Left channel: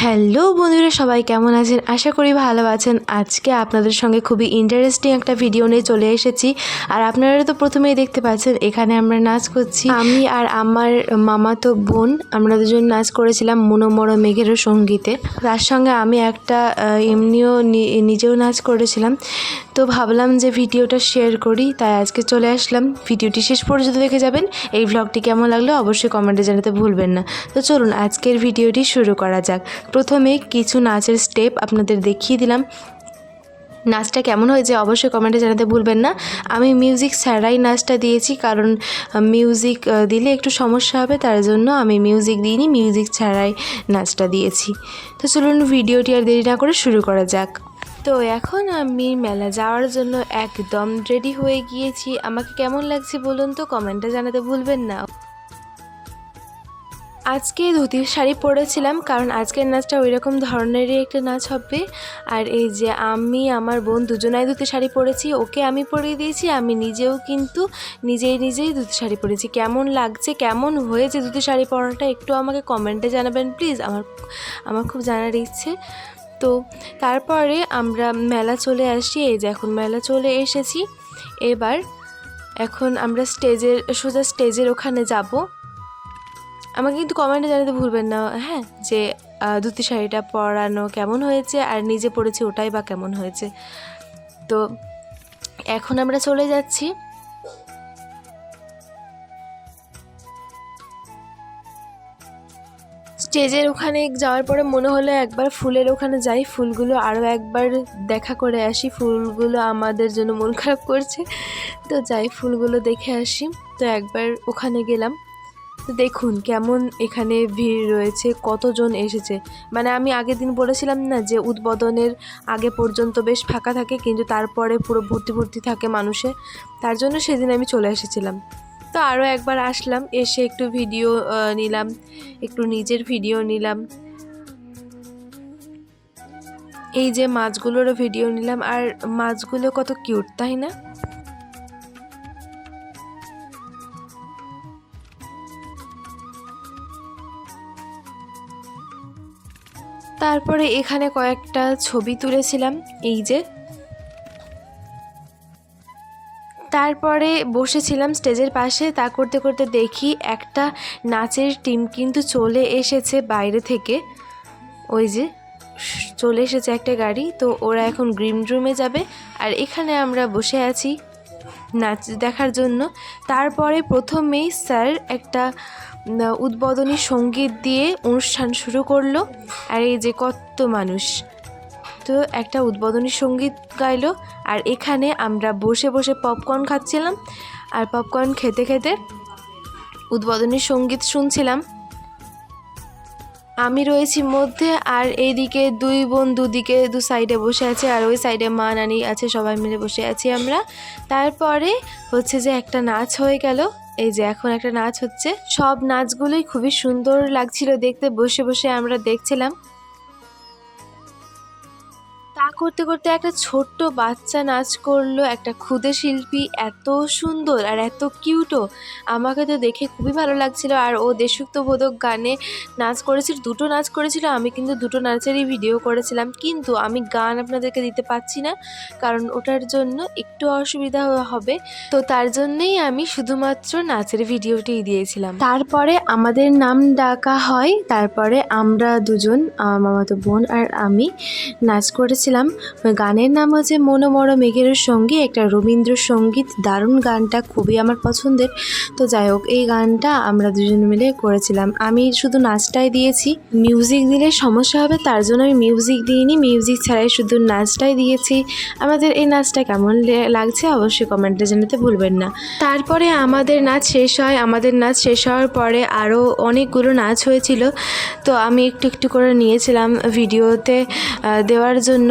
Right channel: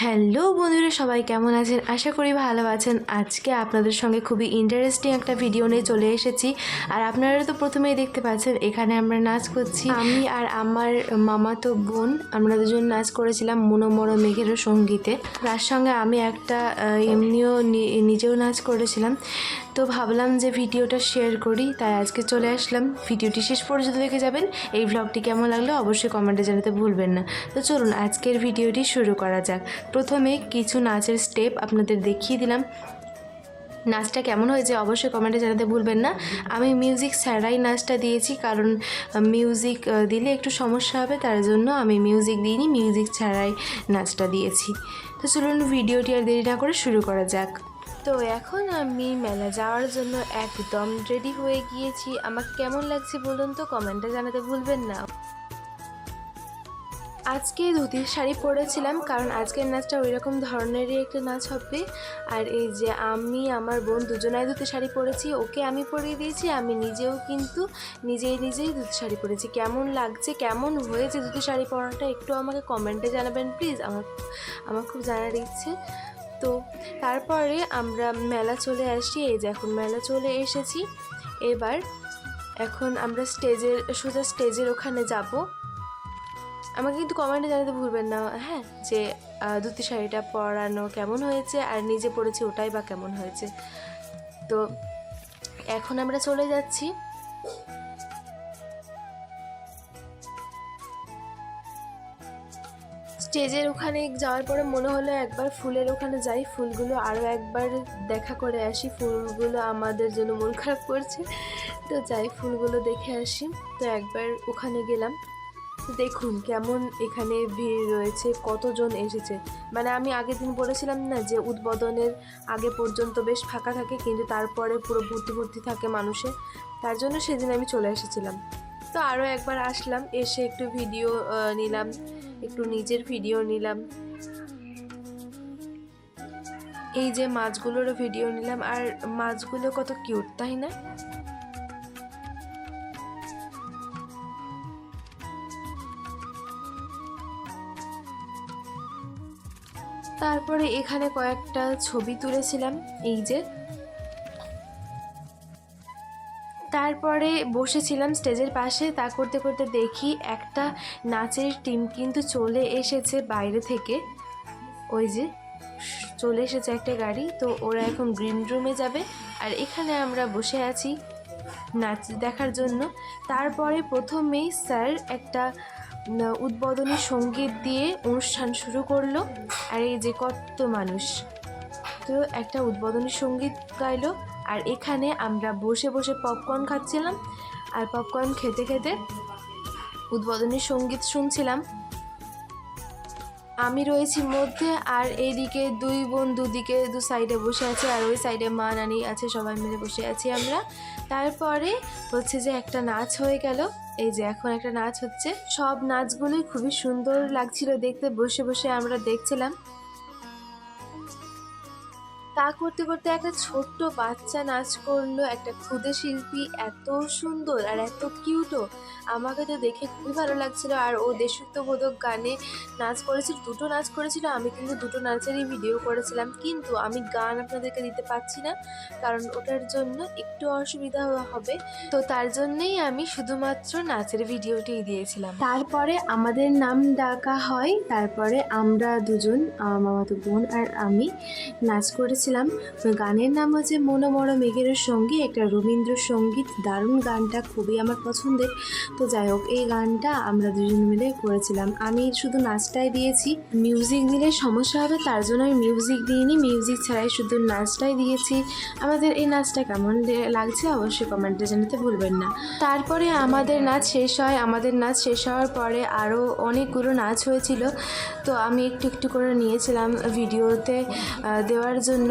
Hello বন্ধুরা, সবাই কেমন আছেন? আশা করি ভালো আছেন। আজকে আপনাদের সঙ্গে খুবই ইন্টারেস্টিং একটা ভিডিও নিয়ে চলে এসেছি। আর আপনারা তো প্রথমেই দেখতে পাচ্ছেন এখানে আমরা নাচ করছি। আমি আর আমার মামাতো বোন আমরা দুজন নাচ করেছিলাম মনোমরা মেঘেরও সঙ্গীতে। তার সঙ্গে আমি একটা এমনিও নিজেও নাচ করেছিলাম। তো ভাবলাম যে ভিডিওটা শেয়ার করি, তাই আজকে চলে আসলাম। ভিডিওটি শেষ পর্যন্ত দেখে যাবেন। এই ভ্লগটি কেমন লাগলো অবশ্যই কমেন্টে জানাতে ভুলবেন না। তো চলুন আজকের ভিডিওটি শুরু করা যাক। প্রথমে কিছু নাচের স্টেপ আপনাদের দেখিয়ে দিলাম। নাচটা কেমন হয়েছে অবশ্যই কমেন্টে জানাতে ভুলবেন না। আমি মিউজিক ছাড়াই নাচটা দিয়েছি, কারণ মিউজিক দিলে একটু সমস্যা হবে, তার জন্য আমি মিউজিক দিইনি, মিউজিক ছাড়াই নাচটা দিয়েছি। তো চলুন ভিডিওটি আর দেরি না করে শুরু করা যাক। তো এখন আমি মেলা যাওয়ার জন্য একদম রেডি হয়ে গিয়েছি। আমাকে কেমন লাগছে বলুন তো, কমেন্টে জানাতে ভুলবেন না। আজকে ধুতির শাড়ি পরেছিলাম, কারণ আজকের নাচটা ওই রকম ধরনেরই একটা নাচ হবে। আর এই যে আমি আমার বোন দুজনাই ধুতি শাড়ি পরেছি, ওকে আমি পরিয়ে দিয়েছি, আমি নিজেও কিন্তু নিজেই ধুতি শাড়ি পরেছি। কেমন লাগছে, কেমন হয়েছে ধুতি শাড়ি পরাটা একটু আমাকে কমেন্টে জানাবেন প্লিজ, আমার খুব জানার ইচ্ছে। তো তারপরে আমরা মেলা চলে আসি। এই যে এখন মেলা চলে এসেছি। এখন আমরা সোজা স্টেজের ওখানে যাব। আমাকে কিন্তু কমেন্টে জানাতে ভুলবেন না, হ্যাঁ, যে ধুতি শাড়িটা পরানো কেমন হয়েছে আর নিজে পরেছি ওটাই বা কেমন হয়েছে। তো এখন আমরা চলে যাচ্ছি। স্টেজের ওখানে যাওয়ার পরে মনে হলো একবার ফুলের ওখানে যাই, ফুলগুলো আরও একবার দেখা করে আসি। ফুলগুলো আমাদের জন্য মন খারাপ করছে, তো যাই ফুলগুলো দেখে আসি। তো একবার ওখানে গেলাম। দেখুন কেমন এখানে ভিড় রয়েছে, কতজন এসেছে। মানে আমি আগের দিন বলেছিলাম না যে উদ্বোধনের আগে পর্যন্ত বেশ ফাঁকা থাকে, কিন্তু তারপরে পুরো ভর্তি থাকে মানুষে। তার জন্য সেদিন আমি চলে এসেছিলাম। তো আরও একবার আসলাম, এসে একটু ভিডিও নিলাম, একটু নিজের ভিডিও নিলাম। এই যে মাছগুলোরও ভিডিও নিলাম। আর মাছগুলো কত কিউট, তাই না? তারপরে এখানে কয়েকটা ছবি তুলেছিলাম, এই যে। তারপরে বসেছিলাম স্টেজের পাশে। তা করতে করতে দেখি একটা নাচের টিম কিন্তু চলে এসেছে বাইরে থেকে। ওই যে চলে এসেছে একটা গাড়ি, তো ওরা এখন গ্রিন রুমে যাবে। আর এখানে আমরা বসে আছি নাচ দেখার জন্য। তারপরে প্রথমেই স্যার একটা উদ্বোধনী সঙ্গীত দিয়ে অনুষ্ঠান শুরু করলো। আর এই যে কত মানুষ, তো একটা উদ্বোধনী সঙ্গীত গাইলো। আর এখানে আমরা বসে বসে পপকর্ন খাচ্ছিলাম, আর পপকর্ন খেতে খেতে উদ্বোধনী সঙ্গীত শুনছিলাম। আমি রয়েছি মধ্যে, আর এইদিকে দুই বোন দুদিকে দু সাইডে বসে আছে, আর ওই সাইডে মা নানি আছে, সবাই মিলে বসে আছি আমরা। তারপরে হচ্ছে যে একটা নাচ হয়ে গেল। এই যে এখন একটা নাচ হচ্ছে। সব নাচগুলোই খুবই সুন্দর লাগছিল দেখতে, বসে বসে আমরা দেখছিলাম। তা করতে করতে একটা ছোট্ট বাচ্চা নাচ করলো, একটা ক্ষুদে শিল্পী, এত সুন্দর আর এত কিউটও। আমাকে তো দেখে খুবই ভালো লাগছিল। আর ও দেশাত্মবোধক গানে নাচ করেছিল, দুটো নাচ করেছিল। আমি কিন্তু দুটো নাচেরই ভিডিও করেছিলাম, কিন্তু আমি গান আপনাদেরকে দিতে পারছি না, কারণ ওটার জন্য একটু অসুবিধা হবে। তো তার জন্যেই আমি শুধুমাত্র নাচের ভিডিওটি দিয়েছিলাম। তারপরে আমাদের নাম ডাকা হয়। তারপরে আমরা দুজন, আমার মামাতো বোন আর আমি, নাচ করেছিলাম। গানের নাম হচ্ছে মনোমরা মেঘের সঙ্গী, একটা রবীন্দ্রসঙ্গীত। দারুণ গানটা, খুবই আমার পছন্দের। তো যাই হোক, এই গানটা আমরা দুজন মিলে করেছিলাম। আমি শুধু নাচটাই দিয়েছি, মিউজিক দিলে সমস্যা হবে, তার জন্য আমি মিউজিক দিইনি, মিউজিক ছাড়াই শুধু নাচটাই দিয়েছি। আমাদের এই নাচটা কেমন লাগছে অবশ্যই কমেন্টে জানাতে ভুলবেন না। তারপরে আমাদের নাচ শেষ হয়। আমাদের নাচ শেষ হওয়ার পরে আরও অনেকগুলো নাচ হয়েছিল, তো আমি একটু একটু করে নিয়েছিলাম ভিডিওতে দেওয়ার জন্য।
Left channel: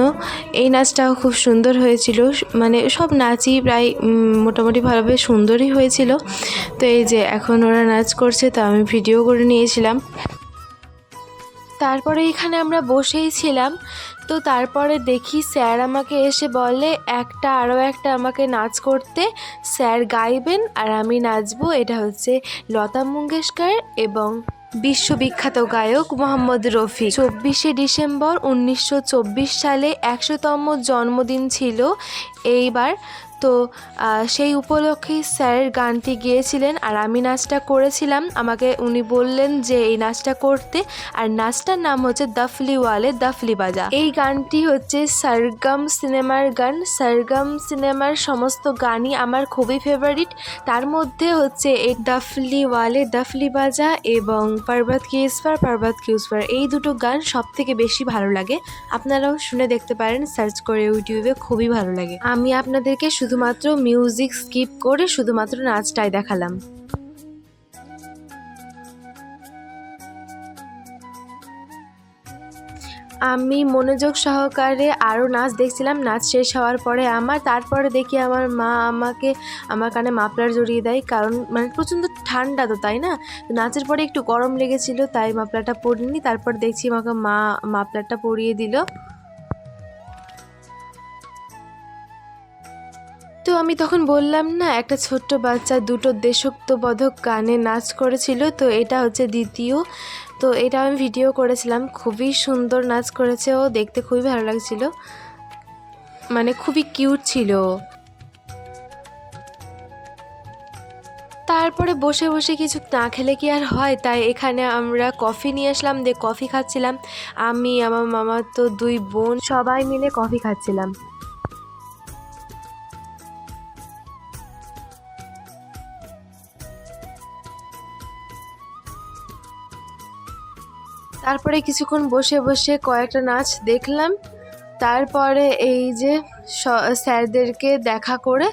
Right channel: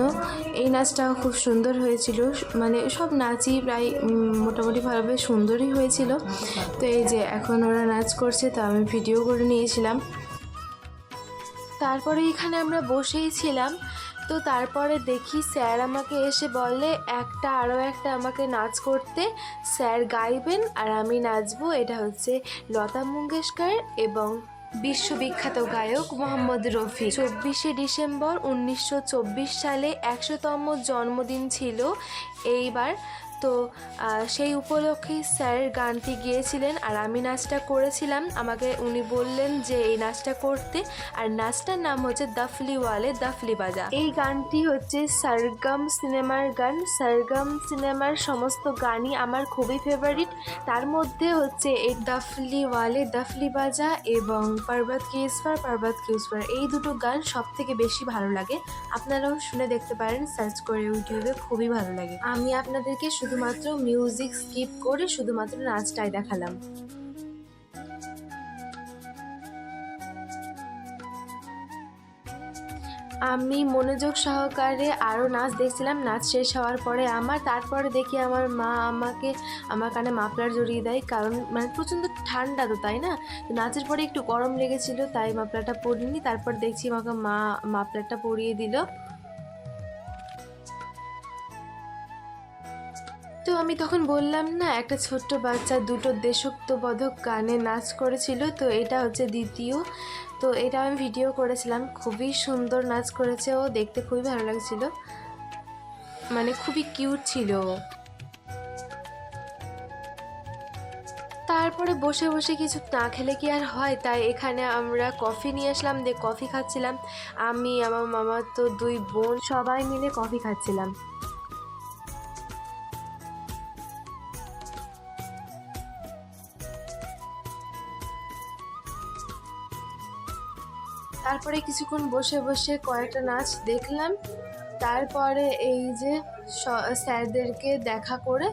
এই নাচটাও খুব সুন্দর হয়েছিল, মানে সব নাচই প্রায় মোটামুটি ভালোভাবে সুন্দরই হয়েছিল। তো এই যে এখন ওরা নাচ করছে, তো আমি ভিডিও করে নিয়েছিলাম। তারপরে এখানে আমরা বসেই ছিলাম। তো তারপরে দেখি স্যার আমাকে এসে বলে আরও একটা আমাকে নাচ করতে। স্যার গাইবেন আর আমি নাচবো। এটা হচ্ছে লতা মঙ্গেশকর এবং বিশ্ববিখ্যাত গায়ক মোহাম্মদ রফি। 24শে ডিসেম্বর 1924 সালে 100তম জন্মদিন ছিল এইবার। তো সেই উপলক্ষে স্যারের গানটি গেয়েছিলেন আর আমি নাচটা করেছিলাম। আমাকে উনি বললেন যে এই নাচটা করতে, আর নাচটার নাম হচ্ছে দফলি ওয়ালে দফলি বাজা। এই গানটি হচ্ছে সরগম সিনেমার গান। সরগম সিনেমার সমস্ত গানই আমার খুবই ফেভারিট। তার মধ্যে হচ্ছে এই দফলি ওয়ালে দফলি বাজা এবং পর্বত কি ইসফার পর্বত কি উসফার, এই দুটো গান সব থেকে বেশি ভালো লাগে। আপনারাও শুনে দেখতে পারেন, সার্চ করে ইউটিউবে, খুবই ভালো লাগে। আমি আপনাদেরকে শুধুমাত্র মিউজিক স্কিপ করে শুধুমাত্র নাচটাই দেখালাম। আমি মনোযোগ সহকারে আরও নাচ দেখছিলাম। নাচ শেষ হওয়ার পরে তারপরে দেখি আমার মা আমার কানে মাফলার জড়িয়ে দেয়, কারণ মানে প্রচণ্ড ঠান্ডা তো, তাই না? তো নাচের পরে একটু গরম লেগেছিল, তাই মাফলারটা পরিনি। তারপর দেখছি আমাকে মা মাফলারটা পরিয়ে দিল। তো আমি তখন বললাম না, একটা ছোট্ট বাচ্চা দুটো দেশাত্মবোধক গানে নাচ করেছিল, তো এটা হচ্ছে দ্বিতীয়। তো এটা আমি ভিডিও করেছিলাম। খুবই সুন্দর নাচ করেছে ও, দেখতে খুবই ভালো লাগছিল, মানে খুবই কিউট ছিল। তারপরে বসে বসে কিছু না খেলে কি আর হয়, তাই এখানে আমরা কফি নিয়ে আসলাম, দিয়ে কফি খাচ্ছিলাম। আমি, আমার মামা, তো দুই বোন সবাই মিলে কফি খাচ্ছিলাম। তারপরে কিছুক্ষণ বসে বসে কয়েকটা নাচ দেখলাম। তারপরে এই যে স্যারদেরকে দেখা করে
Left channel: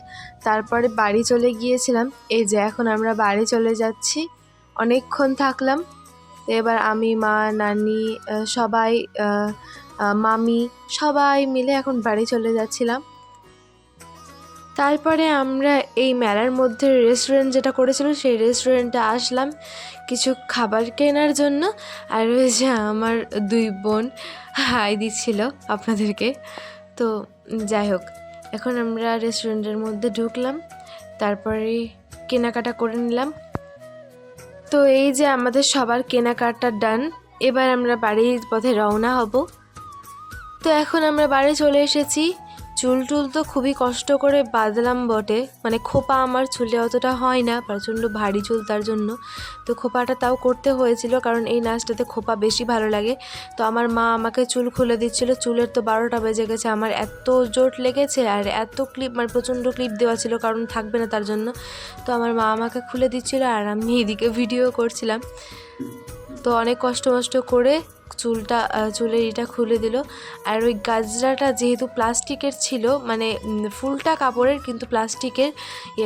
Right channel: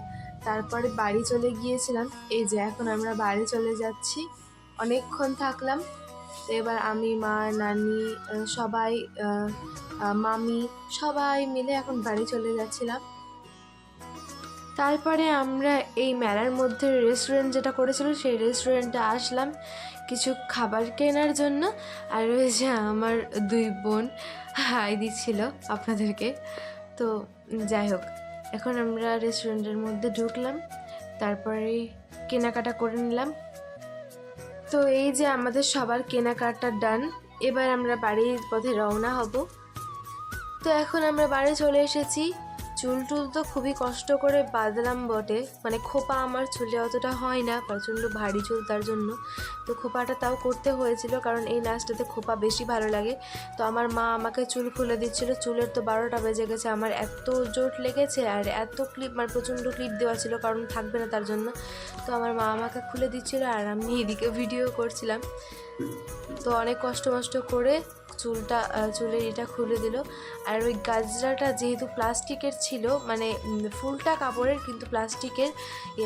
তারপরে বাড়ি চলে গিয়েছিলাম। এই যে এখন আমরা বাড়ি চলে যাচ্ছি, অনেকক্ষণ থাকলাম। তো এবার আমি, মা, নানি, সবাই, মামি, সবাই মিলে এখন বাড়ি চলে যাচ্ছিলাম। তারপরে আমরা এই মেলার মধ্যে রেস্টুরেন্ট যেটা করেছিল সেই রেস্টুরেন্টে আসলাম কিছু খাবার কেনার জন্য। আর ওই যে আমার দুই বোন হাই দিচ্ছিল আপনাদেরকে। তো যাই হোক, এখন আমরা রেস্টুরেন্টের মধ্যে ঢুকলাম, তারপরে কেনাকাটা করে নিলাম। তো এই যে আমাদের সবার কেনাকাটা ডান, এবার আমরা বাড়ির পথে রওনা হব। তো এখন আমরা বাড়ি চলে এসেছি। চুল তো খুবই কষ্ট করে বাঁধলাম বটে, মানে খোপা আমার চুলে অতটা হয় না, প্রচণ্ড ভারী চুল তার জন্য। তো খোপাটা তাও করতে হয়েছিল, কারণ এই নাচটাতে খোপা বেশি ভালো লাগে। তো আমার মা আমাকে চুল খুলে দিচ্ছিল। চুলের তো 12টা বেজে গেছে, আমার এত জোট লেগেছে আর এত ক্লিপ, মানে প্রচণ্ড ক্লিপ দেওয়া ছিল, কারণ থাকবে না তার জন্য। তো আমার মা আমাকে খুলে দিচ্ছিল আর আমি এদিকে ভিডিও করছিলাম। তো অনেক কষ্ট করে চুলের এটা খুলে দিল। আর ওই গাজরাটা যেহেতু প্লাস্টিকের ছিল, মানে ফুলটা কাপড়ের কিন্তু প্লাস্টিকের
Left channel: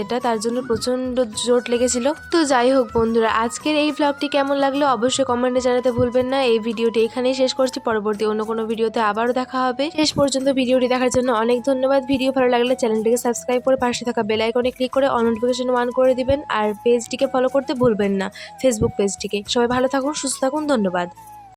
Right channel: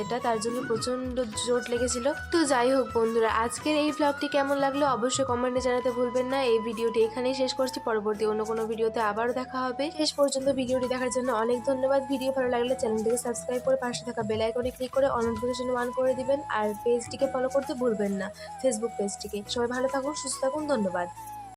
এটা, তার জন্য প্রচণ্ড জোট লেগেছিল। তো যাই হোক বন্ধুরা, আজকের এই ভ্লগটি কেমন লাগলো অবশ্যই কমেন্টে জানাতে ভুলবেন না। এই ভিডিওটি এখানেই শেষ করছি, পরবর্তী অন্য কোনো ভিডিওতে আবারও দেখা হবে। শেষ পর্যন্ত ভিডিওটি দেখার জন্য অনেক ধন্যবাদ। ভিডিও ভালো লাগলে চ্যানেলটিকে সাবস্ক্রাইব করে পাশে থাকা বেল আইকনে ক্লিক করে অল নোটিফিকেশন অন করে দিবেন। আর পেজটিকে ফলো করতে ভুলবেন না, ফেসবুক পেজটিকে। সবাই ভালো থাকুন, সুস্থ থাকুন, ধন্যবাদ।